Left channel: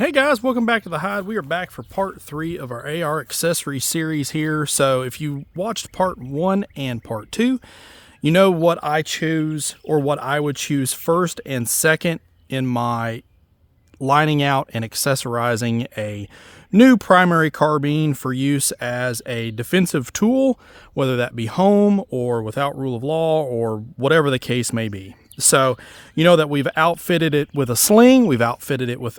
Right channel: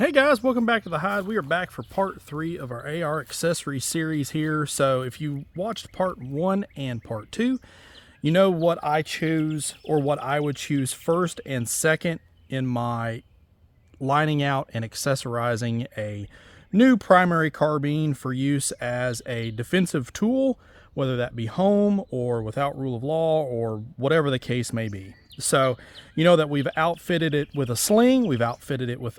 Hey guys, welcome back to the Hide. We are back for part 3 of our AR accessory series here. So if you watched part 1 and part 2, you know what I choose, or what I would choose first and second in my lining out and accessorizing a new primary carbine for use as a defensive tool, whether that be home or without rule of law or whatever the case may be. So you know that we've outfitted it with a sling, we've outfitted it with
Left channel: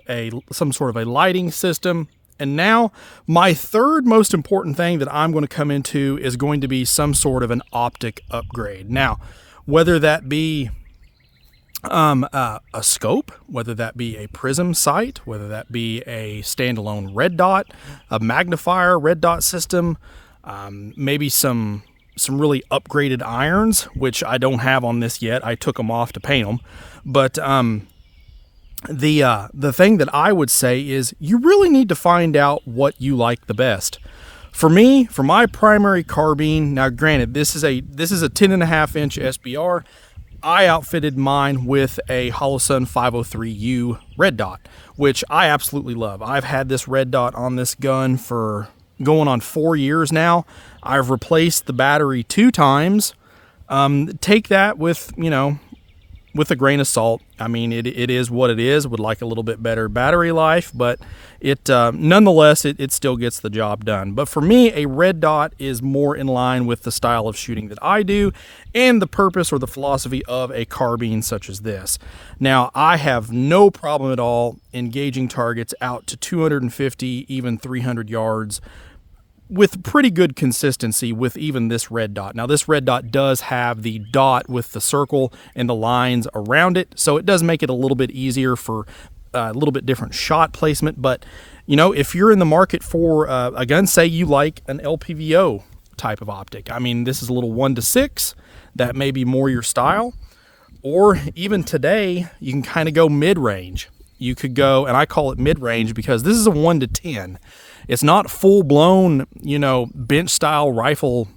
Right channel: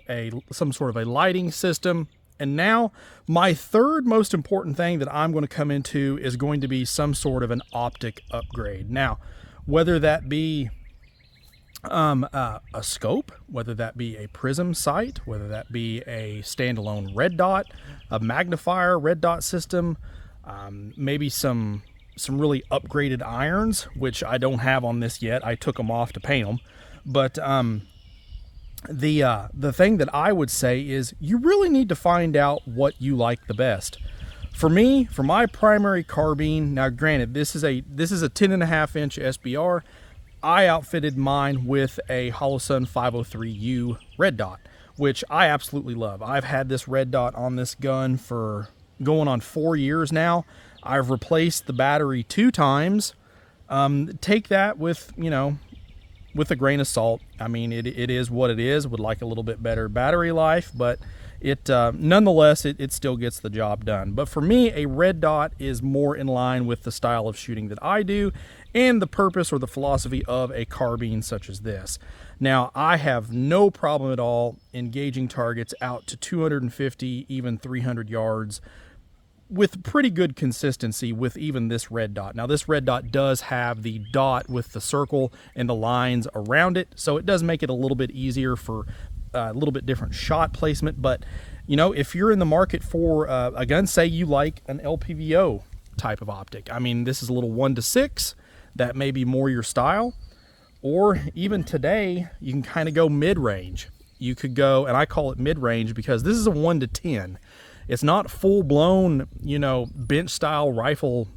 some sort of a lighting system, and now my third most important thing that I'm going to come into is going to be some sort of an optic upgrade. Now, whether that be a scope, whether that be a prism sight, whether that be a standalone red dot, a magnifier red dot system, maybe some really upgraded irons, which I don't have on this yet. I took them off to paint them. But the thing that I would say is you really need to find out what you like the best. For me, for my primary carbine, now granted, this is a 10.5-inch SBR. I outfitted mine with a Holosun 503U red dot, which I absolutely love. I've had this red dot on this gun for going on 4 years now. I've replaced the battery 2 times. Take that with a grain of salt. I mean, it is what it is. Would like a little bit better battery life, but it nonetheless, it still gets the job done. But for me, a red dot is more in line with the style of shooting that I do and the purpose or the philosophy of a carbine such as this. Now, I have no problem at all engaging targets out to 250, even 300 yards with pretty good consistency with even this red dot. Now, this red dot does have the dot with the circle and the lines around it, so it does make it a little bit easier for a little bit different shot placement. But if you're in the market for a gun, say you like an LPVO type of optic, I mean, this is a little 1-6, that may be more your style. Or even today, you can kind of go mid-range. You could go, and I call it mid-range because this is a 1-10. It's not full-blown, bench-style rifle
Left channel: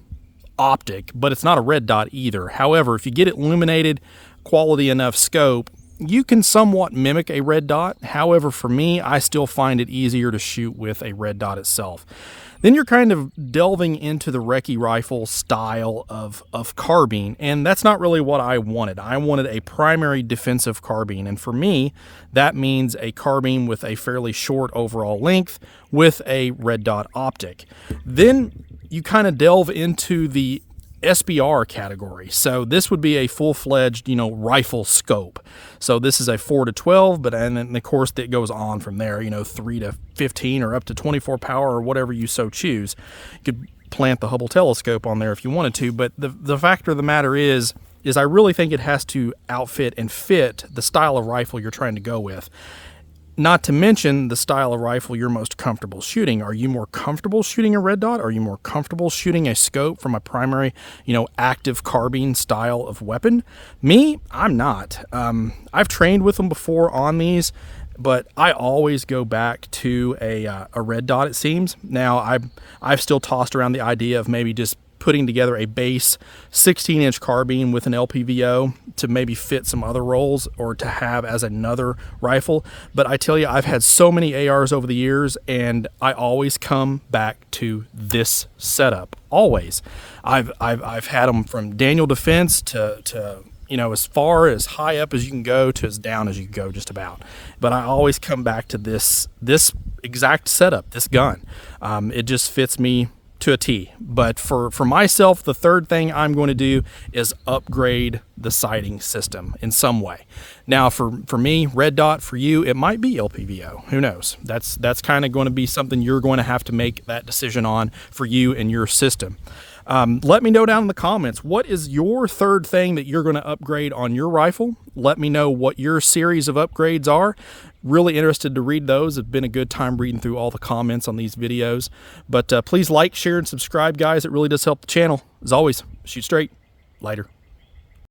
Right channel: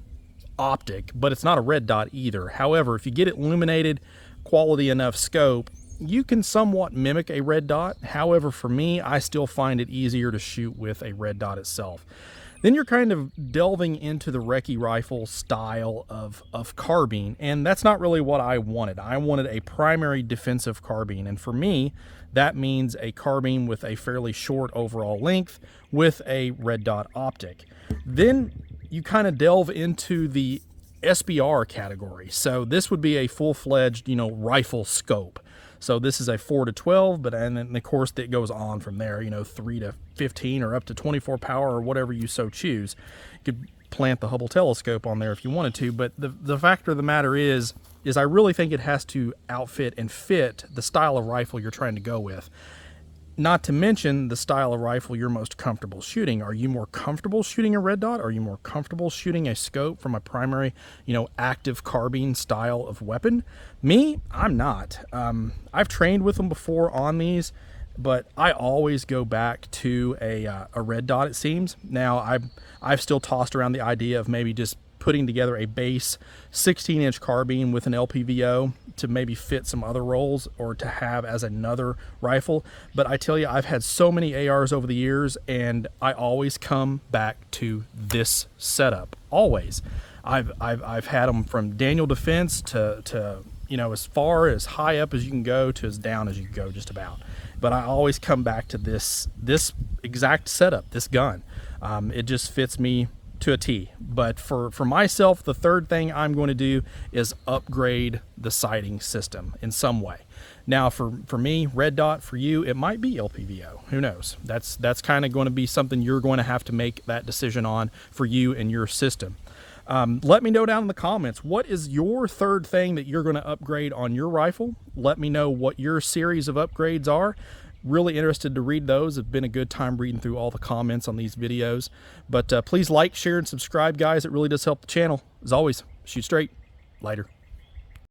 optic, but it's not a red dot either. However, if you get it illuminated, quality enough scope, you can somewhat mimic a red dot. However, for me, I still find it easier to shoot with a red dot itself. Then you're kind of delving into the recce rifle style of carbine, and that's not really what I wanted. I wanted a primary defensive carbine, and for me, that means a carbine with a fairly short overall length with a red dot optic. Then you kind of delve into the SBR category. So this would be a full-fledged, rifle scope. So this is a 4-12, and then of course it goes on from there, 3-15 or up to 24 power or whatever you so choose. You could plant the Hubble telescope on there if you wanted to, but the fact of the matter is I really think it has to outfit and fit the style of rifle you're trying to go with. Not to mention the style of rifle you're most comfortable shooting. Are you more comfortable shooting a red dot? Are you more comfortable shooting a scope from a primary, active carbine style of weapon? Me, I'm not. I've trained with them before on these, but I always go back to a red dot, it seems. Now, I've still tossed around the idea of maybe just putting together a base 16-inch carbine with an LPVO to maybe fit some other roles or to have as another rifle. But I tell you, I've had so many ARs over the years, and I always come back to this setup. Always. I've had them from Daniel Defense to as far as high up as you can go to as down as you can go, just about. But I always come back to this exact setup, this gun. It just fits me to a T. But for myself, the third thing I'm going to do is upgrade the sighting system in some way. Now, for me, red dot, for you, it might be LPVO. Who knows? That's kind of going to be something you're going to have to make that decision on for you and your system. Let me know down in the comments, what is your third thing that you're going to upgrade on your rifle? Let me know what your series of upgrades are. Really interested to read those. It's been a good time reading through all the comments on these videos. But please like, share, and subscribe, guys. It really does help the channel. As always, shoot straight. Later.